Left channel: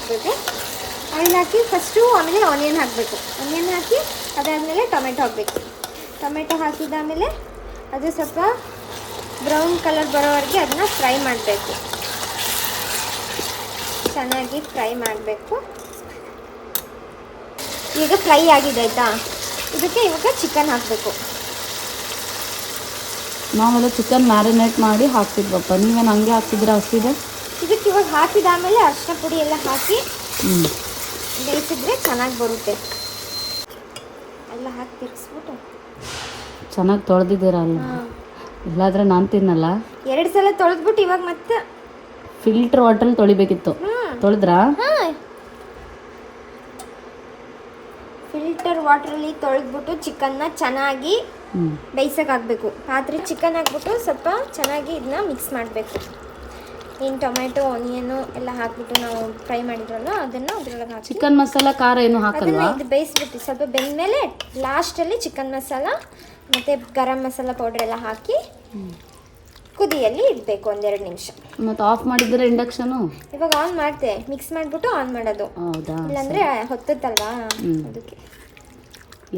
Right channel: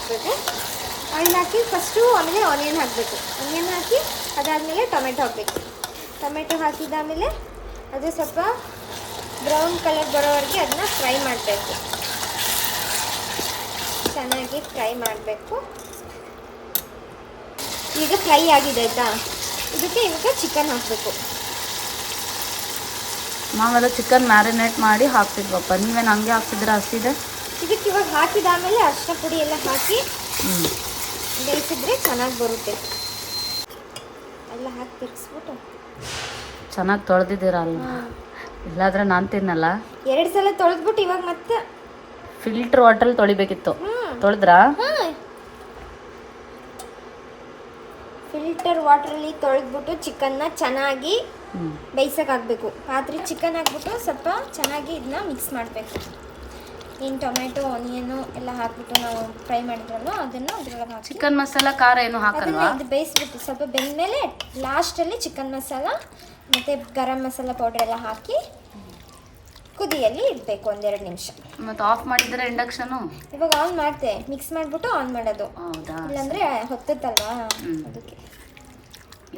ಹಾಕಬೇಕು. ಆಯಿಲ್ ಹಾಕಿ ಫಸ್ಟು ಆಮೇಲೆ ಆನಿಯನ್ ಹಾಕಬೇಕು. ಆನಿಯನ್ ಹಾಕಿ ಅದಾದಮೇಲೆ ಟೊಮೆಟೊ ಹಾಕಬೇಕು. ಟೊಮೆಟೊ ಹಾಕಿದಾದಮೇಲೆ ಅದು ಸ್ವಲ್ಪ ಬ್ರೌನ್ ಕಲರ್ ಬರೋವರೆಗೆ ಅದನ್ನ ಫ್ರೈ ಮಾಡಬೇಕು. ಚೆನ್ನಾಗಿ ಫ್ರೈ ಮಾಡಬೇಕು. ಈಗ ಫ್ರೈ ಆಗಿದೆ ಆಯಿತಾ, ಇದಕ್ಕೆ ಇವಾಗ ಚಿಕನ್ ಹಾಕಬೇಕು. ನಾವೆಲ್ಲ ಚಿಕನ್ ಮ್ಯಾರಿನೇಟ್ ಮಾಡಿ ಹಾಕ್ತಿದ್ವಪ್ಪ, ನೀವೇನು ಹಂಗೆ ಹಾಕ್ತಿದ್ರೆ ಹಸಿದೆ? ಇದಕ್ಕೆ ಇವಾಗ ಹಾಕಿದಾದಮೇಲೆ ಅರಿಶಿನ ಪುಡಿ ಎಲ್ಲ ಹಾಕಿ ಬೇಯಿಸಿದ್ರೆ ಚೆನ್ನಾಗಿ ಬರುತ್ತೆ. ಎಲ್ಲ ಹಾಕಿ ತಿರ್ಗಿಸ್ಬಿಟ್ಟು ಚೆನ್ನಾಗಿ ತೊಳೆದಿದ್ದೀರಲ್ಲ, ಇಲ್ಲಾದ್ರೆ ನಾನು ತಿನ್ನಲ್ಲ. 2 ಸಲ ತೊಳೆದ್ಬಿಟ್ಟು ಇವಾಗ ಮತ್ತೆ ಫಿಲ್ಟರ್ ವಾಟರ್ ತೊಳಿಬೇಕಿತ್ತು. ತೊಳೆದ್ರಾ? ಫಿಲ್ಟರ್ ವಾಟ್ರಲ್ಲಿ ತೊಳೆದ್ಬಿಟ್ಟು ಚಿಕನ್ನ ಚೆನ್ನಾಗಿ ಬೇಯಿಸೋಕೆ ಹಾಕಬೇಕು. ಪಾತ್ರೆ ಚಿಕನ್ ಹಾಕ್ಬಿಟ್ಟು ಸ್ವಲ್ಪ ಚೆನ್ನಾಗಿ ಇದನ್ನ ಮಿಕ್ಸ್ ಮಾಡಬೇಕು. ಏನು ಟೊಮೆಟೊ ಆನಿಯನು ಎಲ್ಲ ಹಾಕ್ಬಿಟ್ಟು ನಾವು ಫ್ರೈ ಮಾಡಿದ್ರಲ್ಲ ಅದನ್ನು ಅದ್ರೊಳಗೆ ಹಾಕಿ ಚಿಕನ್ ಮಸಾಲ ಖಾರ ಏನು ಹಾಕಲ್ವಾ? ಇದು ಬೇಯಿಸ್ಬಿಟ್ಟು ಸ್ವಲ್ಪ ಬೆಂದಮೇಲೆ ಲಾಸ್ಟಲ್ಲಿ ಚಿಕನ್ ಮಸಾಲ ಮತ್ತು ಗರಂ ಮಸಾಲ ಪೌಡರ್ ಎಲ್ಲ ಹಾಕಿ ಕುದಿಯಲ್ಲಿ ಇಡಬೇಕು 1-2 ನಿಮಿಷ. ಮತ್ತು ಆಫ್ ಮಾಡಿದ್ರೆ ಇಂಡಕ್ಷನು? ಇವಾಗ ಆನ್ ಮಾಡ್ತೆ, ಮಿಕ್ಸ್ ಮಾಡಿಬಿಟ್ಟು ಆನ್ ಮಾಡೋದು. ಹೌದಾ? ಇಲ್ಲಾಂದರೆ ಹೊತ್ತತ್ತಲ್ವಾ ಅದಕ್ಕೆ.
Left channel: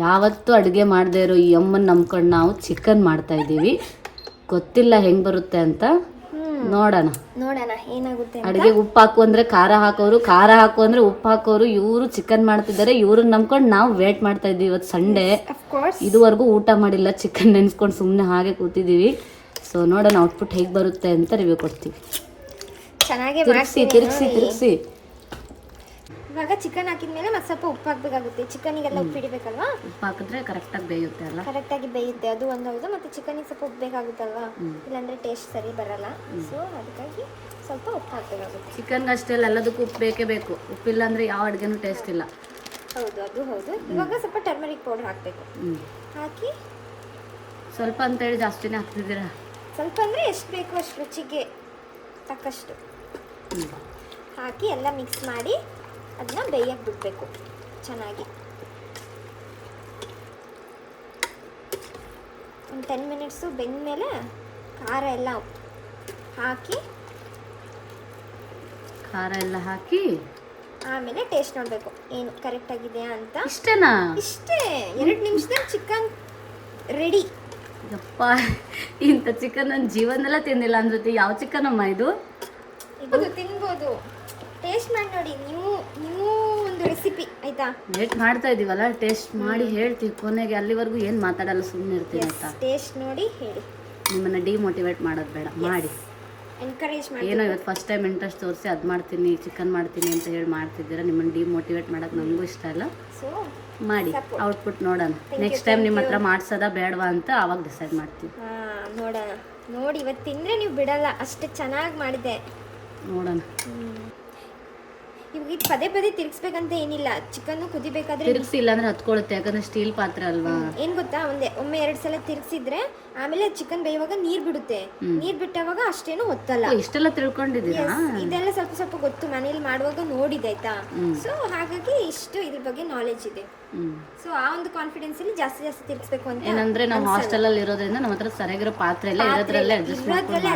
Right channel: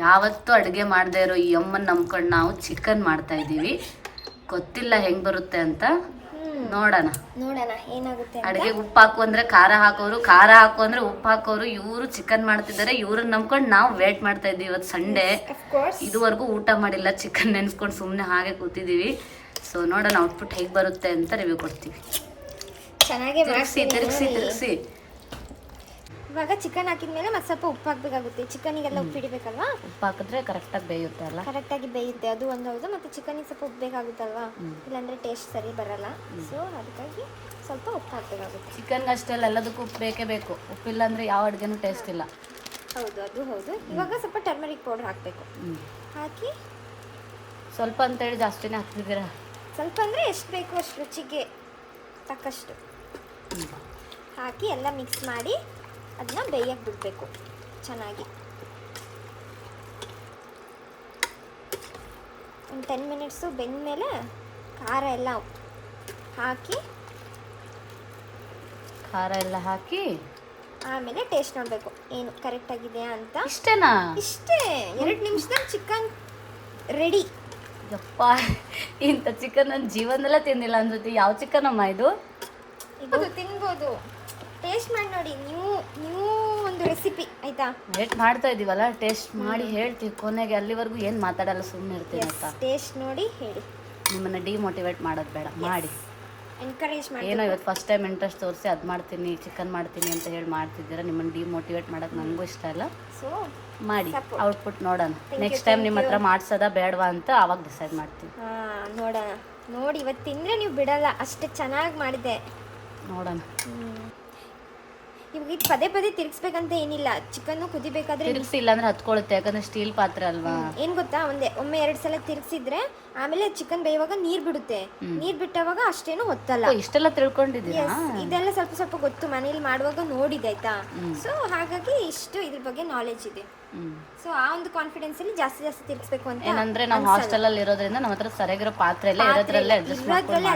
ಯಾವತ್ತೂ ಅಡುಗೆ ಮಾಡದೇ ಇರೋ ಈ ಅಮ್ಮನ ನಂಬ್ಕೊಂಡು ನಾವು ಚಿಕನ್ ಮಾಡ್ತಾ ಇದ್ದೀವಿ. ಗೊತ್ತಿಲ್ಲ ಹೆಂಗೆ ಬರುತ್ತೆ ಅಂತ, ನೋಡೋಣ ಏನಾಗುತ್ತೆ. ಅಡುಗೆಗೆ ಉಪ್ಪು ಹಾಕು ಅಂದರೆ ಖಾರ ಹಾಕೋರು, ಖಾರ ಹಾಕು ಅಂದರೆ ಉಪ್ಪು ಹಾಕೋರು. ಇವರು ಚಿಕನ್ ಮಾಡ್ತಿದ್ದಾರೆ, ಇವ್ರನ್ನ ನಂಬ್ಕೊಂಡು ನಾವು ವೇಟ್ ಮಾಡ್ತಾ ಇದ್ದೀವಿ. ಇವತ್ತು ಸಂಡೇ, ಇದುವರೆಗೂ ಊಟ ಮಾಡಿಲ್ಲ, ಚಿಕನ್ ನೆನೆಸ್ಕೊಂಡು ಸುಮ್ಮನೆ ಹಾಗೆ ಕೂತಿದ್ದೀವಿ. ಸೊ ನೋಡೋಣ ಔಟ್ಪುಟ್ ಹೇಗೆ ಬರುತ್ತೆ ಅಂತ ರಿವ್ಯೂ ಕೊಡ್ತೀವಿ. ಚೆನ್ನಾಗಿ ತಿರುಗಿಸಿ ಇವಾಗ ಚಿಕನ್ ಹಾಕಿದ್ಮೇಲೆ ಮತ್ತೆ ಸ್ವಲ್ಪ ಉಪ್ಪು ಹಾಕಬೇಕಾಗುತ್ತೆ. ಚಿಕನಿಗೆಲ್ಲ ಉಪ್ಪು ಹಿಡಿಬೇಕಲ್ವಾ? ಉಪ್ಪು ಹಾಕಿದ್ರೆ ಕರೆಕ್ಟಾಗಿ ಬೇಯುತ್ತೆ ಅಲ್ಲ? ಕರೆಕ್ಟಾಗಿ ಬೇಯುತ್ತೆ, ಅದು ಒಂದು ಹೌದು. ಮತ್ತು ಚಿಕನಿಗೆ ಸ್ವಲ್ಪ ಉಪ್ಪು ಬೇಕಾಗುತ್ತಲ್ವಾ, ಇಲ್ಲಾಂದರೆ ಟೇಸ್ಟ್ ಸರಿ ಬರಲ್ಲ. ಸೊ ಅದಕ್ಕಾಗಿ ಸ್ವಲ್ಪ ಉಪ್ಪು ಹಾಕಬೇಕಾಗುತ್ತೆ. ಚಿಕನ್ಗೆ ಅಷ್ಟೇ ಅಲ್ಲ, ಎಲ್ಲದಕ್ಕೂ ಉಪ್ಪು ಬೇಕೇ ಬೇಕು. ಉಪ್ಪಿಲ್ಲ ಅಂದರೆ ಯಾವ ಅಡುಗೆನೂ ಟೇಸ್ಟ್ ಇಲ್ಲ. ಹೌದು, ಅದು ಹೌದು. ಇವಾಗ ಸ್ವಲ್ಪ ಟರ್ಮರಿಕ್ ಪೌಡರ್ ಹಾಕಬೇಕು. ಹಾಕಿ ಸ್ವಲ್ಪ ಅಂತೇಳಿ ಜಾಸ್ತಿನೇ ಹಾಕ್ತಿದ್ದೀರಾ? ಸ್ವಲ್ಪ ಅಂದರೆ ಎಷ್ಟು ಬೇಕು ಅಷ್ಟು ರುಚಿಗೆ ತಕ್ಕಷ್ಟು ಹಾಕಿ ಎಲ್ಲ ಮಿಕ್ಸ್ ಮಾಡಿ ಅದನ್ನ ಬೇಯಕ್ಕೆ ಬಿಡಬೇಕು ಚೆನ್ನಾಗಿ. ಒಂದು 10 ಮಿನಿಟ್ಸು ಬೆಂದಮೇಲೆ ಖಾರ ಎಲ್ಲ ಹಾಕಿ ಆಮೇಲೆ ಟೇಸ್ಟ್ ನೋಡಬೇಕು ಏನು ಕರೆಕ್ಟಾಗಿದೆಯಾ ಅಂತ. ಇಷ್ಟೇನಾ? ಇಷ್ಟೇ, 2 ನಿಮಿಷದಲ್ಲಿ ಚಿಕನ್ ರೆಡಿ. ಯಪ್ಪ, ಇಂಥ ಚಿಕನ್ ನನ್ನ ಜೀವನದಲ್ಲೇ ತಿಂದಿಲ್ಲ ಅನ್ಸುತ್ತೆ. ಯಾವ ಚಿಕನ್ ಅಮ್ಮ ಇದು? ತಿನ್ಬೋದು, ಟೇಸ್ಟ್ ಮಾಡಿ ನೋಡಿ. ನೀವು ಒಂದು ರೆಸಿಪಿ ಆಯ್ತಾ? ವೇಟ್ ಮಾಡ್ತಾ ಇದೀವಲ್ಲ, ಟೇಸ್ಟ್ ಮಾಡಿ ಹೇಳ್ತೀವಿ ಕೊನೆಗೆ. ಅಲ್ಲಿವರೆಗೂ ಏನು ಮಾತಾಡಲ್ಲ, ಸುಮ್ಮನೆ ಇರ್ತೀವಿ ಅಂತ. ಟೇಸ್ಟ್ ನೋಡಿ ಹೇಳಿ. ನಿಮ್ಮನ್ನ ಡಿಮೋಟಿವೇಟ್ ಮಾಡೋದು ಬೇಡ, ಮಾಡಿ ಎನ್ಕರೇಜ್ ಮಾಡಿ. ಏನೋ ಇವತ್ತು ಫಸ್ಟ್ ಟೈಮ್ ಇಂಟ್ರೆಸ್ಟ್ ತೋರಿಸಿ ಅದು ಮಾಡ್ತೀನಿ ಚಿಕನ್ ಮಾಡ್ತೀನಿ ಅಂತ ಹೇಳಿ ಮಾಡ್ತಿದ್ದೀರಾ. ನಿಮ್ಮನ್ನು ಡಿಮೋಟಿವೇಟ್ ಮಾಡೋದು ನನಗೂ ಇಷ್ಟ ಇಲ್ಲ. ಸೊ ಮಾಡಿ ಔಟ್ಪುಟ್ ನೋಡೋಣ. ನೆಕ್ಸ್ಟ್ ಟೈಮ್ ನಿಮ್ಮ ಹತ್ರ ಮಾಡ್ಸೋದಾ ಬೇಡವಾ ಅಂತ ಆವಾಗ ಡಿಸೈಡ್ ಮಾಡ್ತೀವಿ. ನೋಡೋಣ. ನೋಡಿ ಇವತ್ತು ತಿಂದರೆ ನೀವು ಬಿಡಲ್ಲ, ಅಷ್ಟು ಚೆನ್ನಾಗಿ ಮಾಡಿದೆ. ನೋಡೋಣ. ಇವಾಗ ಇದು ಪದೇ ಪದೇ ತಿರ್ಗಿಸ್ಬೇಕಂತ ಏನಿಲ್ಲ. ಚಿಕನ್ನು ಕುದಿಬೇಕಾದ್ರೆ ತಿರ್ಗಿಸಿಲ್ಲ ಅಂದ್ರೆ ಹತ್ಕೊಳ್ಳುತ್ತೆ, ಯಾಕಂದ್ರೆ ಸ್ಟೀಲ್ ಪಾತ್ರೆ ಅಲ್ವಾ. ಏನು ಗೊತ್ತಾ, ಒಮ್ಮೆ 2 ಸಲ ತಿರ್ಗಿಸಿದ್ರೆ ಆಮೇಲೆ ಚಿಕನ್ ಬೇಯುವಾಗ ನೀರು ಬಿಡುತ್ತೆ. ನೀರು ಬಿಟ್ಟವಾಗ ಅಷ್ಟೇನು ಹೊತ್ತಲ್ಲ. ಇಷ್ಟೆಲ್ಲ ತಿಳ್ಕೊಂಡಿದ್ದೀರಾ? ಇದೆಲ್ಲ ಸ್ವಲ್ಪ ಸ್ವಲ್ಪ ಗೊತ್ತು, ಮನೇಲಿ ಮಾಡುವಾಗ ನೋಡಿದೆ ಆಯ್ತಾ. ಸೊ ಹಾಗಾಗಿ ಇಷ್ಟು ಇದ್ರ ಬಗ್ಗೆ ನಾಲೆಜ್ ಇದೆ. ಸೊ ಆ ಒಂದು ಕಾನ್ಫಿಡೆನ್ಸ್ ಅಲ್ಲಿ ಜಾಸ್ತಿ ತಿರ್ಗಿಸ್ಬೇಕು ಅಂತ. ಏನಂದ್ರೆ ನಾವು ಹಾಸ್ಟೆಲ್ ಅಲ್ಲಿ ಇರೋದ್ರಿಂದ ನಮ್ಮ ಹತ್ರ ಸರಿಯಾಗಿರೋ ಪಾತ್ರೆ ಎಲ್ಲ ಇರೋದ್ರಲ್ಲೇ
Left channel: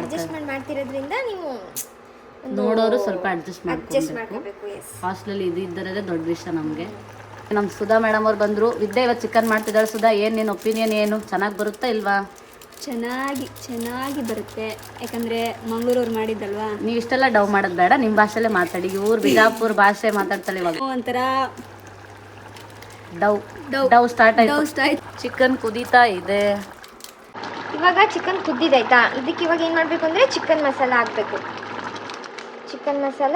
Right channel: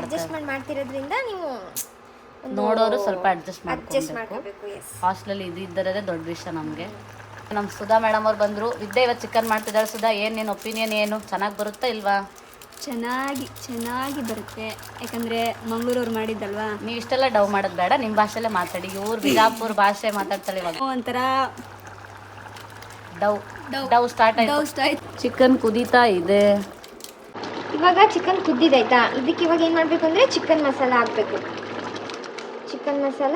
ಅಡ್ಜಸ್ಟ್ಮೆಂಟ್ ಮಾಡ್ತಿರೋದ್ರಿಂದ ನೀವು ನೋಡೋರು ಸ್ವಲ್ಪ ಅಡ್ಜಸ್ಟ್ ಮಾಡ್ಕೋಬೇಕು. ಹಾಸ್ಟೆಲ್ ಇದ್ದಿದ್ದರೇ ದೊಡ್ಡ ವಿಷಯ ನಮಗೆ. ನಮ್ಮ ಸುಧಾ ಮೇಡಮ್ ಅವ್ರು ಬಂದರು. ವಿದ್ಯಾ ಇವತ್ತು ಚಿಕನ್ ಮಾಡ್ತಿದ್ದಾಳೆ. ಸುಧಾ, ಏನು ನಿನ್ನ ಒಪಿನಿಯನ್ ಏನು? ಚೆನ್ನಾಗಿ ಬರುತ್ತಾ ಇಲ್ವಾ? ಚೆನ್ನಾಗಿ ಬರುತ್ತೆ, ಯಾಕಂದರೆ ಮಂಗಳೂರವ್ರು ಮಾಡಿದ್ದಲ್ವಾ. ನೀವು ಇಷ್ಟೆಲ್ಲ ಡವ್ ಮಾಡೋದು ಬೇಡ, ನಿಮ್ಮ ಭಾಷೆಲ್ಲೇ ಮಾತಾಡಿ. ಇವ್ರು ಬಿಜಾಪುರ ಭಾಷೆ ಮಾತಾಡ್ತಾರೆ ಇವಾಗ. ಒಂಥರ ಡವ್ ಸ್ಟಾರ್ಟ್ ಆಯ್ತು. ಚಿಕನ್ ಕುದೀತಾ ಇದೆ. ಇವಾಗ ಚಿಕನ್ ಕುದ್ದಿದಾಯ್ತಾ, ಇದಕ್ಕೆ ಇವಾಗ ಏನು ಮಾಡಬೇಕು ಅಂದರೆ ಚಿಕನ್ ಮಸಾಲ ಹಾಕಬೇಕು. ಚಿಕನ್ ಮಸಾಲ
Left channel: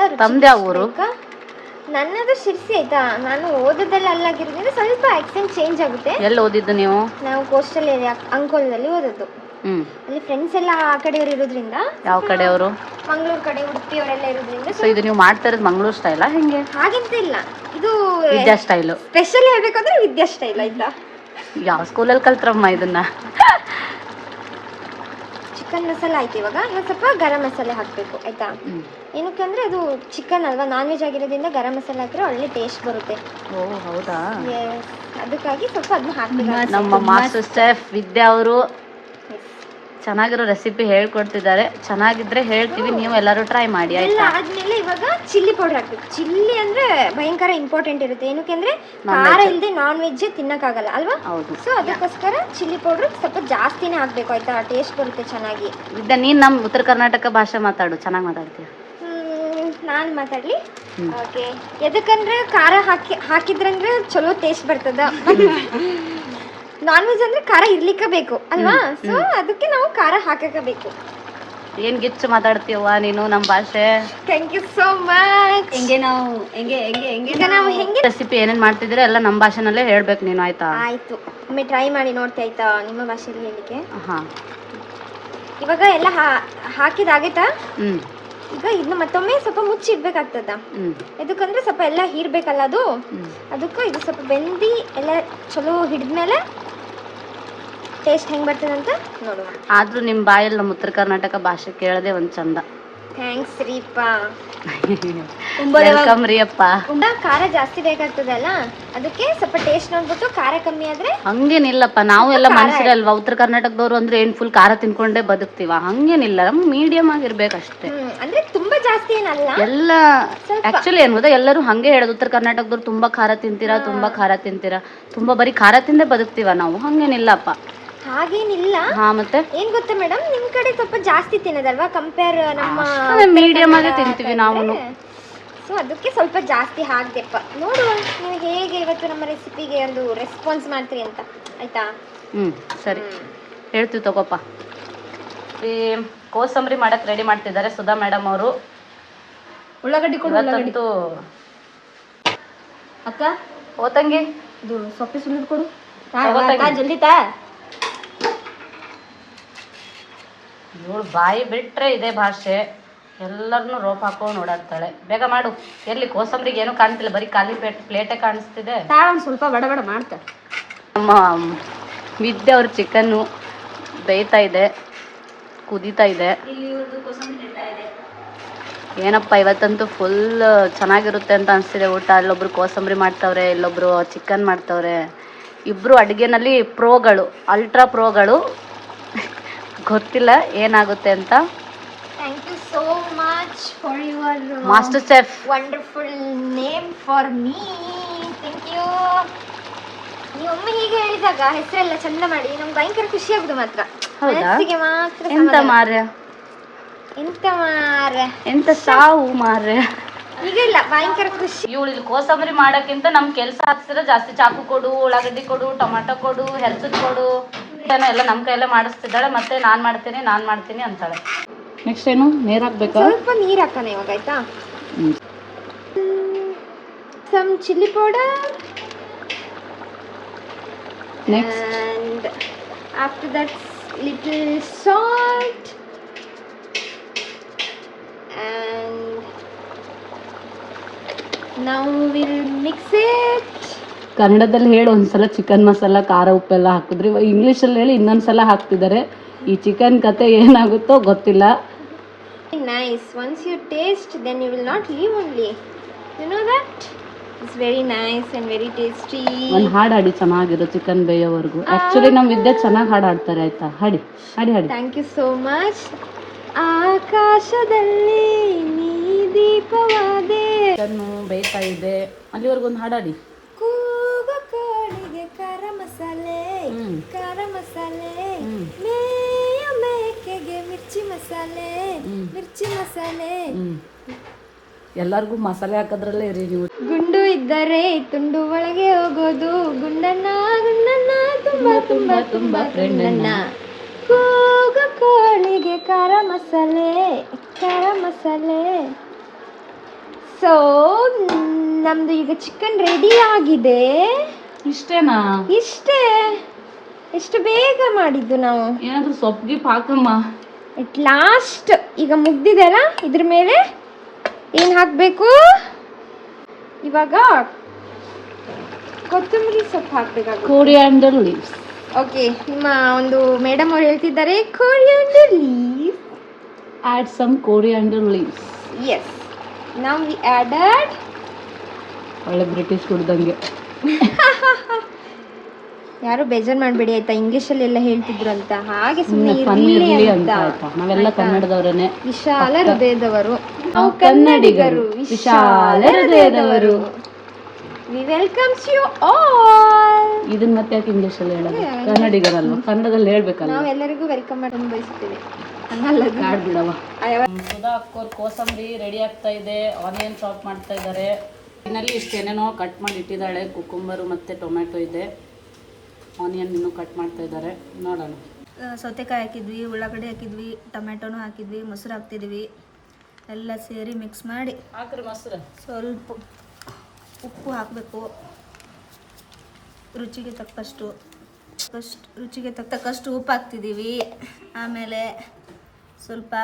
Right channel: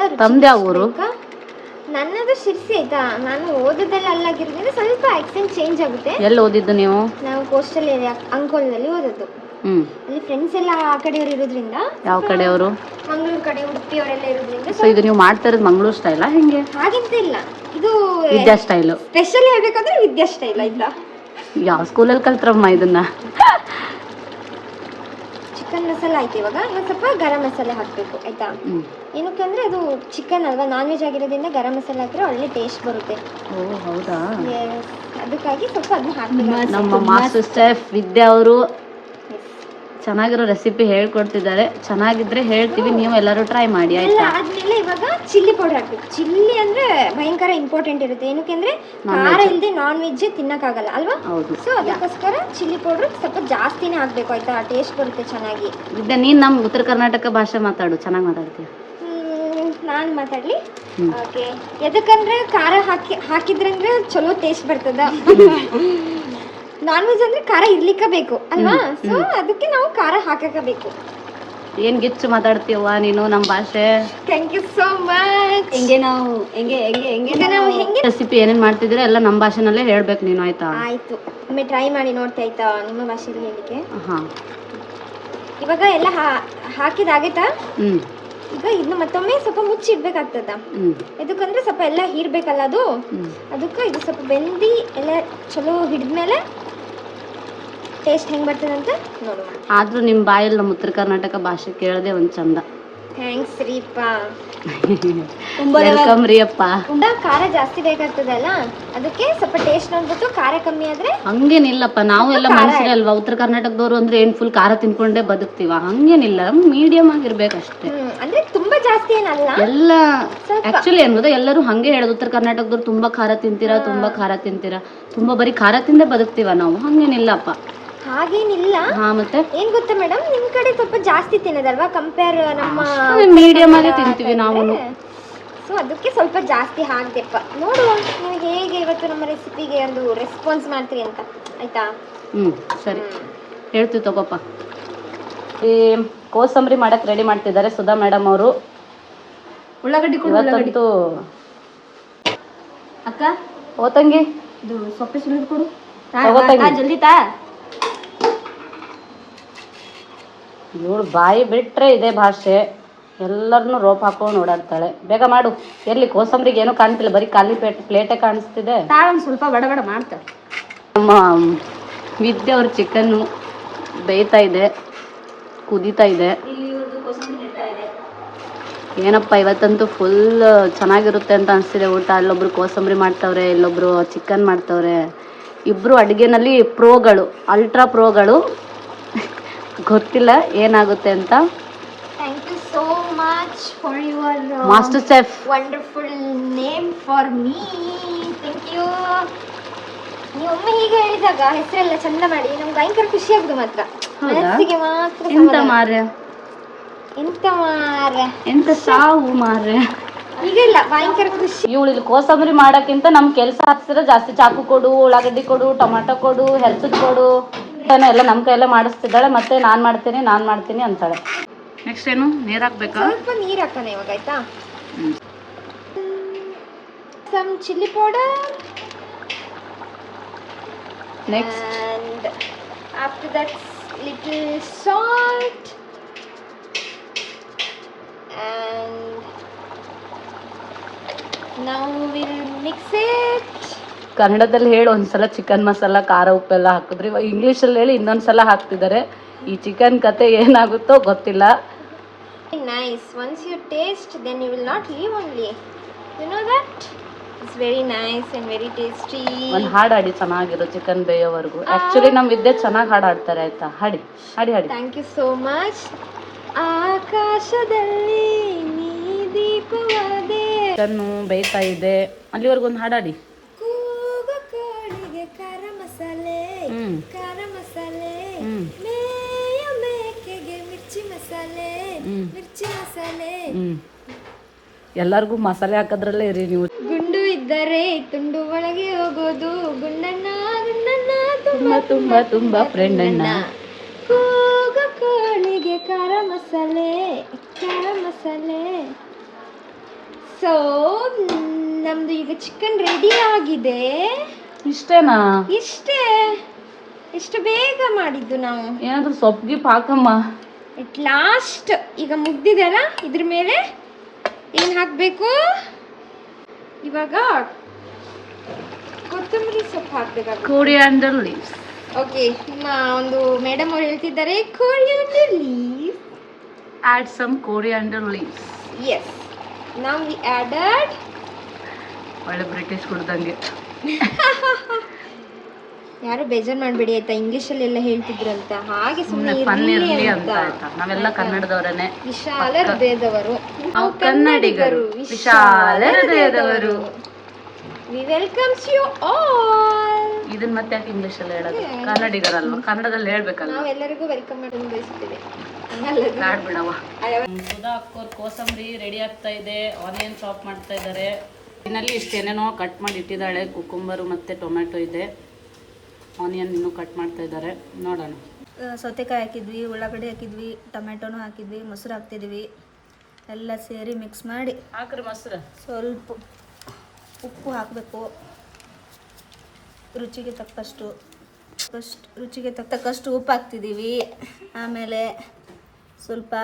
ನನ್ನದು ಶಿರ್ಸಿ ಆಯ್ತಾ. ನಾನು ಓದೋದೆಲ್ಲ ಅಲ್ಲಾಗಿರೋದ್ರಿಂದ ಸ್ವಲ್ಪ ಆಕ್ಸೆಂಟ್ ಚೇಂಜ್ ಆಗುತ್ತೆ. ಎಲ್ಲಿ ಓದಿದ್ದು ನೀವು? ನಾವು ಕೋಸ್ಟಲ್ ಏರಿಯಾ ಅಂಕೋಲದಲ್ಲಿ ಓದೋದು. ಅಲ್ಲಿ ಫ್ರೆಂಡ್ಸ್ ಎಲ್ಲ ಆ ಕಡೆಯವರು ಇರೋದ್ರಿಂದ. ಯಾವ ಕಡೆಯವರು? ಮಂಗಳೂರು ಕಡೆ, ಉಡುಪಿ ಅವರೆಲ್ಲ ಇರೋದ್ರಿಂದ. ಸೊ ಇದು ನೀವು ಮಾಡ್ತಾ ಇರೋದು ಮಂಗಳೂರು ಸ್ಟೈಲಾ ಹೆಂಗೆ? ಹಾಗೆಂತ ಇಲ್ಲ, ಇದು ವಿದ್ಯಾ ಸ್ಟೈಲು. ಸ್ಪೆಷಲ್ ಹೇಳ್ಬೇಕಂದ್ರೆ ವಿದ್ಯಾ ಸ್ಟೈಲ್ ಆಯ್ತಾ. ಯಾವ ಸ್ಕೂಲಲ್ಲಿ ಕಲ್ತ್ರಮ್ಮ ಇದನ್ನ? ಚಿಕನ್ ಮಸಾಲ ಆಯ್ತು. ಇವಾಗ ಸ್ವಲ್ಪ ಗರಂ ಮಸಾಲೆ ಹಾಕಬೇಕು ಆಯ್ತಾ. ಏನಕ್ಕೆ ಅಂದರೆ ಅದು ಚಿಕನ್ ಅಲ್ವಾ, ನಾನ್ ವೆಜ್ ಆಗಿರೋದ್ರಿಂದ ಗರಂ ಮಸಾಲೆ ಹಾಕಿದ್ರೆ ಒಳ್ಳೆ ಟೇಸ್ಟ್ ಬರುತ್ತೆ. ಹೌದಾ? ಅದಕ್ಕಾಗಿ ಸ್ವಲ್ಪ ಅದನ್ನ ಹಾಕಬೇಕು. ನಮ್ಮ ಮಾಸ್ಟರ್ ಶೆಫ್ ವಿದ್ಯಾ ಅವರು ಚೆನ್ನಾಗಿರೋ ರೆಸಿಪಿ ಹೇಳ್ಕೊಡ್ತಿದ್ದಾರೆ. ಚೆನ್ನಾಗಿದ್ರೆ ಹೇಳ್ತೀವಿ, ನೀವು ಎಲ್ಲರೂ ಟ್ರೈ ಮಾಡಿ ಎಲ್ಲ ಆಯ್ತಾ. ಆದ್ಮೇಲೆ ಇವಾಗ ಚಿಲ್ಲಿ ಪೌಡರ್ ಹಾಕ್ಬೇಕು. ಚಿಲ್ಲಿ ಅಂದ್ರೆ ಭಯಂಕರ ಇಂಪಾರ್ಟೆಂಟ್ ಇರುತ್ತೆ. ಏನಕ್ಕೆ ಅಂದ್ರೆ ಖಾರ ಇಲ್ಲದೆ ನಾನ್ ವೆಜ್ ತಿನ್ನಕ್ಕಾಗಲ್ಲ ಅಲ್ವಾ. ಹೌದು. ಸೊ ಅದಕ್ಕೋಸ್ಕರ ಚಿಲ್ಲಿ ಪೌಡರ್ ಸ್ವಲ್ಪ ಜಾಸ್ತಿನೇ ಹಾಕ್ಬೇಕು ಆಯ್ತಾ, ಟೇಸ್ಟ್ ಬರುತ್ತೆ ಚೆನ್ನಾಗಿ. ಇದ್ದ ನೀನು ನಮ್ಮ ಉತ್ತರ ಕರ್ನಾಟಕ ಭಾಷೆ ಮಾತಾಡು, ಚೆನ್ನಾಗಿ ಮಾತಾಡ್ತೀಯ. ನಾನು ಮಾತಾಡ್ಲಿ. ಓಕೆ, ಎದಕ್ಕಂದ್ರೆ ಖಾರ ಹಾಕಿದ್ರಂದ್ರೆ ಚಲೋ ಟೇಸ್ಟ್ ಬರ್ತದ. ನಾನ್ ವೆಜ್ ಅಂದ್ರೆ ಖಾರ ಇರ್ಲಿಕ್ಕೆ ಬೇಕು ಅಲ್ವಾ. ಸೊ ಅದಕ್ಕೆ ನಾವು ಖಾರ ಹಾಕಬೇಕು. ಏನ್ ಗಿಚ್ಚು ಮಾತಾಡ್ತೀವ ನೀನು ನಮ್ಮ ಭಾಷೆ. Thank you so much. ಹೆಂಗೆ ನಾವು ಹೆಂಗೆ ಹೆಂಗೆ ಹೆಂಗೆ ಈಗ ನಾವು ಹೆಂಗೆ ರೆಸಿಪಿ ಏನೇನ್ ಮಾಡ್ತಿದ್ರೆ ಎಲ್ಲ ನಮ್ಮ ಭಾಷೆನಲ್ಲೇ ಹೇಳ್ಬೇಕು ನೀನು ಆಯ್ತಾ. ಆಯ್ತು, ಒಮ್ಮೆ ಟ್ರೈ ಮಾಡಿ ನೋಡ್ತಾ ಆಯ್ತಾ ನಿಮ್ಮ ಭಾಷೆಯಲ್ಲಿ ಹೇಳಿಕೆ. ಹಾ, ಇವಾಗ ಎಲ್ಲ ಹಾಕಿದಾಗೈತಾ. ಹ್ಮ್ ಈಗ ಇದನ್ನ ಮತ್ತೊಮ್ಮೆ ಸ್ವಲ್ಪ ಮುಚ್ಚಿಡ್ಬೇಕಾಗ್ತದ. ಹ್ಮ್ ಎದಕ್ಕಂದ್ರೆ ಸ್ವಲ್ಪ ಎಲ್ಲ ಹೀರ್ಬೇಕಲ್ಲ ಅದು. ಅದಕ್ಕೆ ಇದು ಸ್ವಲ್ಪ ಬೆಂದಿ ಎಲ್ಲ ಚಲೋ ಹಿಡಿದ್ಮೇಲೆ ಟೇಸ್ಟ್ ಹೆಂಗೆ ಬರ್ತದೆ ಅಂತ ನೋಡುವ. ಆದ್ರೂ ನಿಮ್ಮ ಬಾಯಲ್ಲಿ ನಮ್ಮ ಉತ್ತರ ಕರ್ನಾಟಕ ಭಾಷೆ ಕೇಳದೆ ಒಂದ್ ಚಂದ. ಥ್ಯಾಂಕ್ಸ್ ರೀಪ. ವೆಲ್ಕಮ್ ರೀ ಅಪ್ಪ. ಖಾರ ಜಾಸ್ತಿ ಬೇಕಾಗ್ತದಲ್ಲ, ಅದಕ್ಕೆ ಸ್ವಲ್ಪ ಟೇಸ್ಟ್ ನೋಡ್ಬಿಟ್ಟು ಖಾರ ಕಮ್ಮಿ ಆದ್ರೆ. ಹಂಗೇನಿಲ್ಲಪ್ಪ, ನಾವು ಎಲ್ಲ ಮನುಷ್ಯರಲ್ವಾ, ಉತ್ತರ ಕರ್ನಾಟಕದವ್ರು ಅಂದ್ರೆ ಏನ್ ಫುಲ್ ಖಾರ ತಿನ್ಕೊಂಡೇ ಬದುಕ್ತೀವ. ಹಂಗೇನಿಲ್ಲ, ಮೀಡಿಯಂ ಆಗಿರ್ಬೇಕಷ್ಟೇ. ಅಂದ್ರೆ ತುಂಬಾ ಜಾಸ್ತಿ ಏನಲ್ಲ ಎಲ್ಲ. ಆಕ್ಚುಲಿ ಏನ್ ಗೊತ್ತಾ, ಎಲ್ಲರೂ ಹಂಗೆ ಹೇಳೋದು, ಉತ್ತರ ಕರ್ನಾಟಕದವ್ರು ತುಂಬಾ ಖಾರ ತಿಂತೀರಾ, ತುಂಬಾ ಖಾರ ತಿಂತೀರಾ, ತುಂಬಾ ಬರೀ ಖಾರ ತಿಂದೇ ಬದುಕ್ತೀವ ನಾವು. ಹಂಗೇನಿಲ್ಲಪ್ಪ, ಹಾಗೇನಿಲ್ಲ. ಹಾ ಮತ್ತೆ ಏನ್ ಗೊತ್ತಾ ಮೇಡಮ್, ನಿಮ್ ಕಡೆ ಸ್ವಲ್ಪ ಜಾಸ್ತಿ ತಿನ್ನೋದಲ್ವಾ ಕಂಪೇರ್ ನಮ್ಮ ಮೀಡಿಯಂ ಆಗಿ ತಿಂತೀವಿ ನಾವು. ಸೊ ಅದಕ್ಕೆ ಸ್ವಲ್ಪ ಜಾಸ್ತಿ ಹಾಕ್ದೆಪ್ಪ. ನೋಡುವ ನೀವು ಹೇಗೆ ಇವತ್ತು ನಮ್ಮ ರೆಸಿಪಿಗೆ ಒಂದು ರೆಸ್ಪಾನ್ಸ್ ಮಾಡ್ತೀರಿ ಅಂತ ಆಯ್ತಾ. ಸರಿ, ಹೇಳ್ತೀವಿ ತಗೋಪ್ಪ. ಈ ಕೋಸಂಬರಿ ಮಾಡಕ್ ರೆಡಿ ಮಾಡ್ತಿದ್ದಾರೆ ಸುಧಾ ಮೇಡಮ್ ಅವರು. ಉಳ್ಳಾಗಡ್ಡಿ ಕೊಡು. ಉಳ್ಳಾಗಡ್ಡಿ ಅಕ್ಕ ಓತಂಗಿ ಇದು ಸೊಪ್ಪೆ ಸುಲಿದು ಕೊಡು. ಜಲ್ದಿ ಇವಳು ಬಾಯಿ ಬಿಟ್ರೆ ಇದೇ ಭಾಷೆ, ಎಲ್ಲರನ್ನು ರೋಪ್ ಹಾಕೊಂಡು ಓಡಾಡ್ತಾಳೆ. ಬೇಗ ಮಾಡು. ಎಲ್ಲಿ ಕೋಸಂಬರಿಗೆ ಏನೂ ಕಾಣ್ತಿಲ್ಲ, ಬರೀ ಖಾಲಿ ಪ್ಲೇಟೇ ಕಾಣಿಸ್ತಿದೆ. ಒಂದು ಸ್ವಲ್ಪ ಬಡ ಬಡ ಮಾಡ್ತಾರೆ. ನಮ್ಮ ವಿದ್ಯೆ ಅವ್ರ ಚಿಕನ್ನು ಬೇಯ್ತಾ ಇದೆ, ಕುದೀತಾ ಇದೆ. ಏನಪ್ಪ ಇವತ್ತಂತೂ ಫುಲ್ ಚೆನ್ನಾಗಿರುತ್ತೆ ಅಂತ ಅನಿಸ್ತಿದೆ ಊಟ. ಅಲ್ಲೊಬ್ರು ಕೋಸಂಬರಿ ಮಾಡ್ತವ್ರೆ, ಇಲ್ಲೊಬ್ರು ಚಿಕನ್ ಮಾಡ್ತವ್ರೆ. ಇಬ್ಬರು ಅಡುಗೆನಲ್ಲಿ ಪ್ರೋಗಳು, ಅಲ್ಟ್ರಾ ಪ್ರೋಗಳು. ಗೊತ್ತಿಲ್ಲ ಏನಾಗುತ್ತೆ ಅಂತ. Thank you so much for your master chef wonderful name for me. Thank you. ನೀವೊಮ್ಮೆ ಹೀಗೆ ಹೇಳಿದಾಗ ಹೆಸರೆಲ್ಲ ಚಂದ ಮಾಡಿ ನಮ್ಗೆ ಭಯಂಕರ ಖುಷಿ ಆಗುದು ಮಾತ್ರ. ಮನಸ್ಸಿಗೆ ಮಾತ್ರ. ಎಂತ ಮಾರ್ಯ, ಎಂತ ಸಾವು ಮಾರ್ಯ. ಈಗ ಇಲ್ಲ, ಭಯಂಕರ ಖುಷಿ. ಇವಳು ಇಲ್ಲಿ ಕೋಸಂಬರಿ ಮಾಡಕ್ಕಿಂತ ನಮ್ ಕೆಲಸ ಹಾಕ್ಸಿದ್ರೆ ಜಾಸ್ತಿ. ಚಾಕು ಕೊಡು, ಉಳ್ಳಾಗಡ್ಡಿ ಕೊಡು, ಟೊಮೆಟೊ ಕೊಡು, ಹೆಲ್ಸದ್ ಕೊಡು ಎಲ್ಲ ನಮ್ಮ ಕೈಯಲ್ಲೇ ಮಾಡಿಸ್ತಿದ್ದಾಳೆ. ಮತ್ತೆ ನಾನ್ ಮಾಡ್ತೀನಿ ಅಂತಾಳೆ. ನೆಕ್ಸ್ಟ್ ಏನು, ನೀರ್ ಹಾಕ್ಬೇಕಾ? ಸ್ವಲ್ಪ ನೀರ್ ಹಾಕೋಣ ಇವಾಗ ಆಯ್ತಾ. Some chilli powder. Next and after that little salt and now we'll mix it. ಕನ್ನಡದಲ್ಲಿ ಹೇಳಿ ಒಂದ್ಸಲ ಚಿಕನ್ ಮಸಾಲ, ಖಾರ, ಉಪ್ಪೆಲ್ಲ ಹಾಕಿದ್ರಿ. ಇಂಗ್ಲೀಷಲ್ಲಿ ಹೇಳಿ ಇನ್ನೊಂದ್ಸಲ ಹಾಕ್ತಿದ್ದಾರೆ. ಈ ಚಿಕನ್ ಕತೆ ಏನಾಗುತ್ತೋ ಗೊತ್ತಿಲ್ಲ. Nice. Once you taste, then you will not leave only. You know that? It's very nice and very tasty. ಒಂದು ಹಾಡು ಹಾಡಿ ಚೆನ್ನಾಗಿರೋ ಚಿಕನ್ ಬೇಯೋವರೆಗೂ. ಆಕ್ಚುಲಿ ನಮ್ಮ ವಿದ್ಯೆ ಚೆನ್ನಾಗಿ ಹಾಡು ಹಾಡ್ತಾರೆ ಆಯ್ತಾ. ಹಾಡಿ. Thank you so much. ಆಕಾಶದಲ್ಲಿ ನೀ ದೀಪವಾದೆ. ಚಿಕನ್ನು ಬೇಯ್ತಾ ಇದೆ, ಅಲ್ಲಿವರೆಗೂ ಒಂದು ಹಾಡಾಡಿ. ಕೂಗು ಕೋಳಿಗೆ ಖಾರ ಮಸಾಲೆ, ಖಾರ ಮಸಾಲೆ, ಮೇಯ ಮೇಕೆಗೆ ಮಿರ್ಚಿ ಮಸಾಲೆ, ಮಿರ್ಚಿ ಮಸಾಲೆ. ಎಲ್ಲರಿಗೂ ಮಸಾಲೆ ಹಾಕೋದ್ರಲ್ಲೇ ಇರಿ ನೀವು. ಗುಂಡು ಇದ್ದರೆ ತುಂಡು ಒಳಗೆ ಹೋಗೋದು, ಗುಂಡಣ್ಣ ತುಂಬಾ ತುಂಬಾ ತುಂಬಾ ಫ್ರೆಂಡ್ ಅಣ್ಣ. ಕೂಗು ಕೋಳಿಗೆ ಖಾರ ಮಸಾಲೆ, ಖಾರ ಮಸಾಲೆ. ಸೊ ನಮ್ದು ಈಗ ಚಿಕನ್ ರೆಡಿ ಆಗಿದೆ. ಇಷ್ಟೇನಾ? ಇಷ್ಟೇ. ಎಷ್ಟು ಬೇಗ ಮಾಡಿದ್ದು ನಾವು. ಏನಾದ್ರು ಸೊಪ್ಪು ಗಿಪ್ ಹಾಕಮ್ಮ. ಇಟ್ ಲಾಸ್ಟ್ ಈಗ ಮುಗ್ದಿದೆ ಅಲ್ಲ, ಇದ್ರ ಮೇಲೆ ಏನು ಹಾಕಬೇಕು ಇವಾಗ? ಕೊತ್ತಂಬರಿ ಸೊಪ್ಪು ಹಾಕಬೇಕಾಗುತ್ತೆ. Coriander leaves. ಓಕೆ, ನಿಮ್ಮ ಒಂದು ಮೇಡಮ್ ಅವ್ರು ಹೇಳ್ತಿದ್ದಾರೆ coriander leaves. Add some coriander leaves. Yes, now we added. ಒಳ್ಳೆ ಬ್ರಿಟಿಷ್ ಕುಡ್ದಂಗೆ. ಯಾರು ಬೇಜಾರು ಮಾಡಬೇಡಿ ಆಯ್ತಾ, ಇಂಗ್ಲೀಷಲ್ಲಿ ಎಲ್ಲ ಹೇಳ್ತಿದ್ರು ಅಂತ, ಹಾಗೆ ಸುಮ್ಮನೆ ಸುಮ್ಮನೆ ಫನ್ ಇರಲಿ ಇರಲಿ ಅಂತ. ಅಂತ ಆಯ್ತಾ. ನಾವೆಲ್ಲ ಕನ್ನಡದವರೇನೆ, ವಿಶಾಲ ಹೃದಯದವರು, ನಾವು ಕನ್ನಡಿಗರು, ವಿಶಾಲ ಹೃದಯದವರು. We welcomes you all. ಇದನ್ನ ಮತ್ತೆ ಯಾಕೆ ಇಂಗ್ಲೀಷಲ್ಲಿ ಹೇಳೋದು? ಕನ್ನಡಿಗರಲ್ವ, ಕನ್ನಡದಲ್ಲಿ ಹೇಳ್ಬೇಕಲ್ಲ. ನಾವೆಲ್ಲರಿಗೂ ವೆಲ್ಕಮ್ ಮಾಡೋದು ಬಯಸ್ತೀವಿ. ಕಾಡ್ ಬಿಡವ. ಸುಧಾ ಅಕ್ಕೋರ್ ಕೋಸಂಬರಿ ರೆಡಿ ಆಗ್ತಾ ಇದೆ, ಆನಿಯನ್ ಚಾಪ್ ಮಾಡ್ತಾ ಇದ್ದಾರೆ. ಇನ್ನಲ್ಲಿ ಇಷ್ಟೇನೇನೋ ಕಟ್ ಮಾಡಿ ಇಟ್ಟಿದ್ದಾಳೆ, ಕುಕುಂಬರು ಮತ್ತು ಟೊಮೆಟೊ ಇದೆ, ಆನಿಯನ್ ಇನ್ನೂ ಕಟ್ ಮಾಡ್ತಾ ಇದ್ದಾರೆ. ನೋಡೋಣ. ಸೌತೆಕಾಯಿ ಹಾಕಿದ್ವಿ, ಉಳ್ಳಾಗಡ್ಡಿ ಹಾಕಿದ್ವಿ, ಟೊಮೆಟೊನೂ ಹಾಕಿದ್ವಿ, ಮೊಸರು ಹಾಕ್ತಿದ್ವಿ, ಎಲ್ಲ ಸೇರಿ ಮಿಕ್ಸ್ ಮಾಡಿ ಹಾಕ್ರಿ ಮೊಸರು. ಸ್ವಲ್ಪ ಉಪ್ಪು ಹಾಕಬೇಕು, ರುಚಿಗೆ ತಕ್ಕಷ್ಟು ಉಪ್ಪು ಹಾಕ್ತಿದ್ದೀವಿ. ಆಮೇಲೆ ಸ್ವಲ್ಪ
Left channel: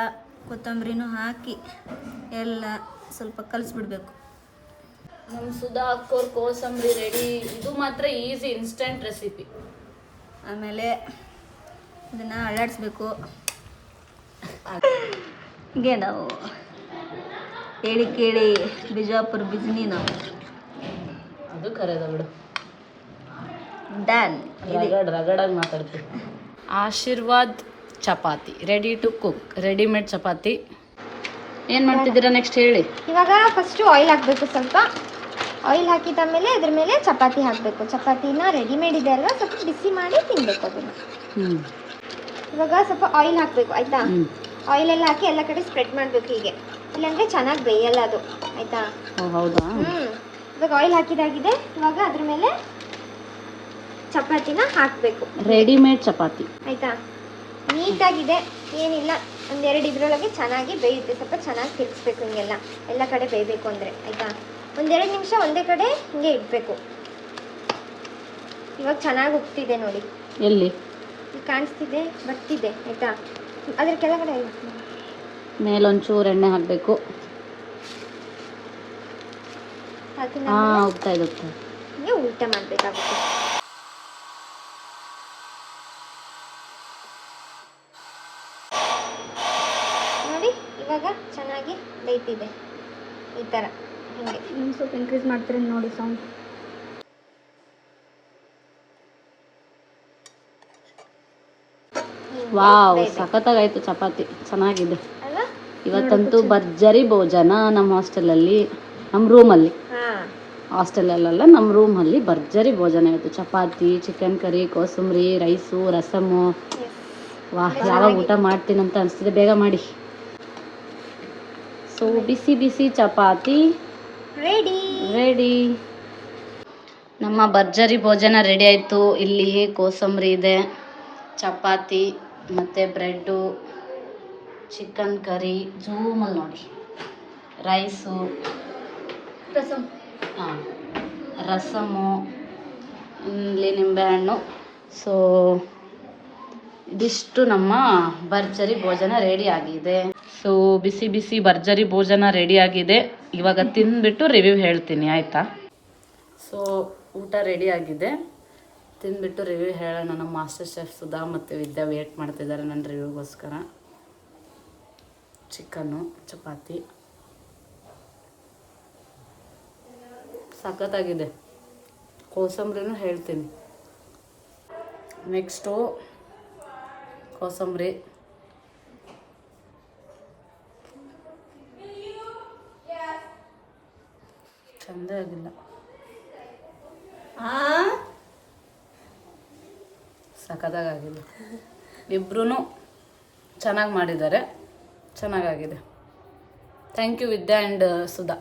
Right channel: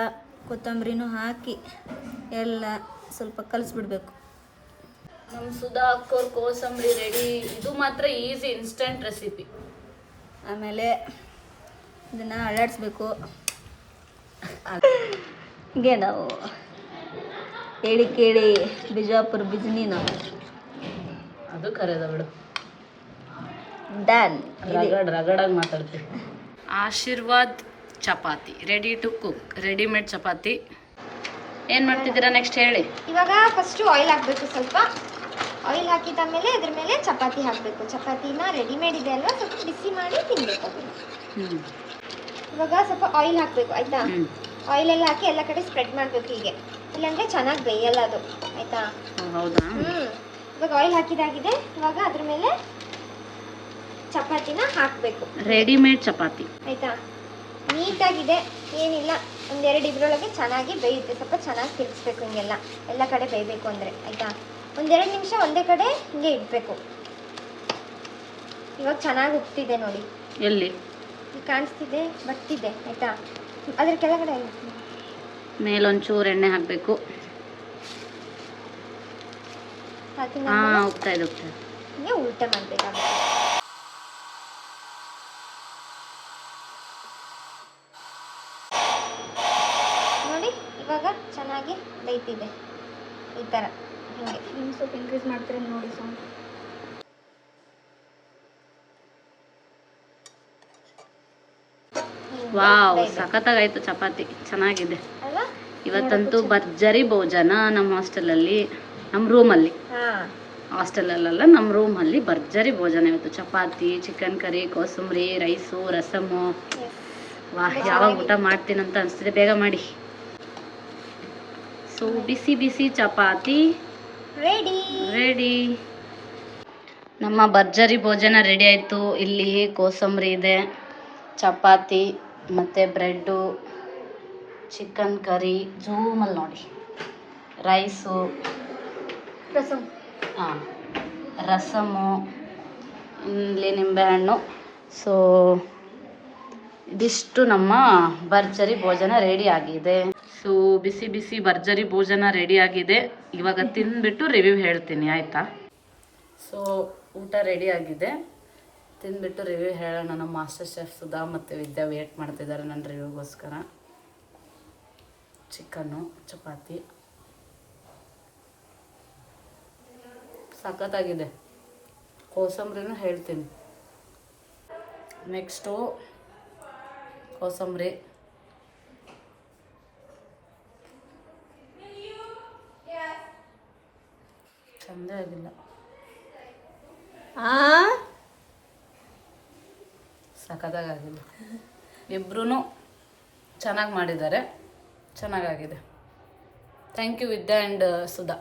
ಕೊತ್ತಂಬರಿನೂ ಹಾಕಿ ಎಲ್ಲ ಸ್ವಲ್ಪ ಕಲಿಸ್ಬಿಡ್ಬೇಕು. ನಮ್ಮ ಸುಧಾ ಅಕ್ಕೋರ್ ಕೋಸಂಬರಿ ರೆಡಿ. ಇದು ಮಾತ್ರ ಈಸಿ ಇನ್ಸ್ಟಂಟ್ ರೆಸಿಪಿ. ಆಮೇಲೆ ಇದನ್ನು ಅಳ್ಳಾಡಿಸ್ಬೇಕು. ಹೀಗೆ ನಾವು ಹೇಳಿ ಕೇಳಿ ಬಿಜಾಪುರ ಬಿಜ್ನಿ ನಾವು ಅದು ಕರೆದ ಬಿಡು, ಡನ್. ರಗಡಾಗಿ ಮಾತಾಡ್ತೀವಿ. Aashirvaad chapati ready to cook, readymade chapati. ಏನು ಮಾಡ್ತಿದ್ದೀರಾ ನೆಕ್ಸ್ಟ್ ಹೇಳಿ. ಇವಾಗ ಫಸ್ಟು ಆಯಿಲ್ ಹಾಕಬೇಕು. ಸ್ವಲ್ಪ ಆಯಿಲ್ ಹಾಕಿದಾದ್ಮೇಲೆ ಅದ್ರ ಮೇಲೆ ಚಪಾತಿ ಹಾಕಬೇಕು. ಚಪಾತಿನ ರೆಡಿಮೇಡ್ ಇದೆ ಅಲ್ವಾ, ಸ್ವಲ್ಪ ಬಿಸಿ ಮಾಡಿ ತಿನ್ಬೇಕು ಅದನ್ನು. ಇವಾಗ ಸ್ವಲ್ಪ ಆಯಿಲ್ ಹಾಕಬೇಕು ಆಯಿತಾ. ಆಯಿಲೆಲ್ಲ ಹಾಕಿ ಎಲ್ಲ ಕಡೆ ಸ್ಪ್ರೆಡ್ ಮಾಡಬೇಕು ಹೀಗೆ, ಇಲ್ಲಾಂದರೆ ಚೆನ್ನಾಗಿ ಬೇಯಲ್ಲ ಅದು ಆಯಿತಾ. ಹೌದಾ? ಇವಾಗ ಆಯಿಲ್ ಹಾಕಿದಾಗಿದೆ. ಇವಾಗ ಅದ್ರ ಮೇಲೆ ಚಪಾತಿನ ಹಾಕಬೇಕು, ರೆಡಿಮೇಡ್ ಚಪಾತಿ ಆಯಿತಾ. ನೀಟಾಗಿದೆ, ಏನಿಲ್ಲ, ಒಂದೆರಡು ಇದರೊಳಗೆ ಚೆನ್ನಾಗಿ ಬೇಯುತ್ತೆ. ಸ್ವಲ್ಪ ಚೆನ್ನಾಗಿ ತಿರ್ಗಿಸ್ಬೇಕು ಹಿಂಗೆಲ್ಲ, ಎಲ್ಲ ಕಡೆ ಬೇಯಬೇಕು ಅಂದರೆ ಆಯಿತಾ. ಒಂದೆರಡು ನಿಮಿಷ ಒಂದೇ ಕಡೆ ಹಿಂಗೆ ಇಡಬೇಕು. ಇವಾಗ ಚೆನ್ನಾಗಿ ಉಪ್ತಿದೆ ನೋಡಿ, ಎಲ್ಲಿ ಕಾಣಿಸ್ತಿದೆ, ಬರ್ತಿದೆ ಆಯಿತಾ. ಅದ್ರ ಕೆಳಗಡೆ ಮೇಲೊಂಚೂರು ಎಣ್ಣೆ ಹಾಕಬೇಕು. ಹಾಕಿ ಹೋಗ್ತಾ ಇದೆ ಹಿಂಗೆ ಉಲ್ಟೆ ಮಾಡಬೇಕಾಗುತ್ತೆ. ನೋಡಿ ಇವಾಗ ಚೆನ್ನಾಗಿ ಬೇಯ್ತಿದೆ ಈ ಥರ ಹಿಂಗೆ. ಸ್ವಲ್ಪ ಇನ್ಕ್ರೀಸ್ ಮಾಡ್ತೀರಿ ನೋಡಿ ಸೌಂಡ್. ವಾವ್, ಸಖತ್ತಾಗಾಯ್ತು ಚಪಾತಿ, ಚೆನ್ನಾಗಿದೆ. ಅಲ್ವಾ? ಇವತ್ತಂತೂ ಭರ್ಜರಿ ಭೋಜನ ನಮ್ಮ ಹಾಸ್ಟೆಲಲ್ಲಿ, ನಮ್ಮ ರೂಮಲ್ಲಿ. ಹಾಂ, ಹಾಸ್ಟೆಲಲ್ಲ, ನಮ್ಮ ರೂಮಲ್ಲಿ ಭರ್ಜರಿ ಭೋಜನ ಇವತ್ತು. ಚಪಾತಿ, ಚಿಕನ್ ಕರಿ, ಕೋಸಂಬರಿ, ರೈಸು, ರಸಮು. ವಾಹ್, ಯಾವಾಗ ಊಟ ಮಾಡ್ತೀನಂತ ಅನಿಸ್ತಿದೆ, ಬೇಗ ಮಾಡಿ. ಸೊ ಬಿಸಿ ಬಿಸಿ ಚಪಾತಿ ರೆಡಿ. ನಮ್ಮ ಭರ್ಜರಿ ಭೋಜನ ರೆಡಿ ಆಯಿತು. ಇಲ್ಲಿ ಕೋಸಂಬರಿ ಇದೆ, ಚಪಾತಿ ಮತ್ತು ಬ್ರೆಡ್ಡು, ಚಿಕನ್ ಕರಿ, ಜೂಮಲ್ಲಿ ನೋಡಿ, ರೈಸು, ರಸಮು, ಇಲ್ಲಿ ನಿಂಬೆಹಣ್ಣು. ಸೊ ಇದಿಷ್ಟು ನಮ್ಮ ಭರ್ಜರಿ ಭೋಜನ ರೆಡಿ ಆಗಿದೆ. ಸೊ ಬಿಸಿ ಬಿಸಿ ಭರ್ಜರಿ ಭೋಜನ ರೆಡಿ ಆಗಿದೆ. ಇವಾಗ ತಿಂದ್ಬಿಟ್ಟು ರಿವ್ಯೂ ಹೇಳ್ತೀನಿ ಆಯಿತಾ. ಸೊ ಊಟ ರೆಡಿ ಆಗಿದೆ, ತಿಂದ್ಬಿಟ್ಟು ರಿವ್ಯೂ ಹೇಳೋಣ. ನಮ್ಮ ಮಾಸ್ಟರ್ ಶೆಫ್ ಸುಧಾ ಮತ್ತು ವಿದ್ಯಾ ವೇಟ್ ಮಾಡ್ತಿದ್ದಾರೆ ನನ್ನ ರಿವ್ಯೂಗೋಸ್ಕರ. ಚಿಕನ್ನು, ಚಪಾತಿ ಸಖತ್ತಾಗಿದೆ. ಕೋಸಂಬರಿನೂ ಹೇಳ್ತೀನಿ. ನೆಕ್ಸ್ಟು ಕೋಸಂಬರಿ ಚಂದ ಆಗಿಲ್ಲ, ಸಖತ್ತಾಗಿಲ್ಲ. ಇಬ್ರೂ ಚೆನ್ನಾಗಿ ಮಾಡಿದ್ದಾರೆ, ಚೆನ್ನಾಗಾಗಿದೆ. Thank you Vidya and Sudha.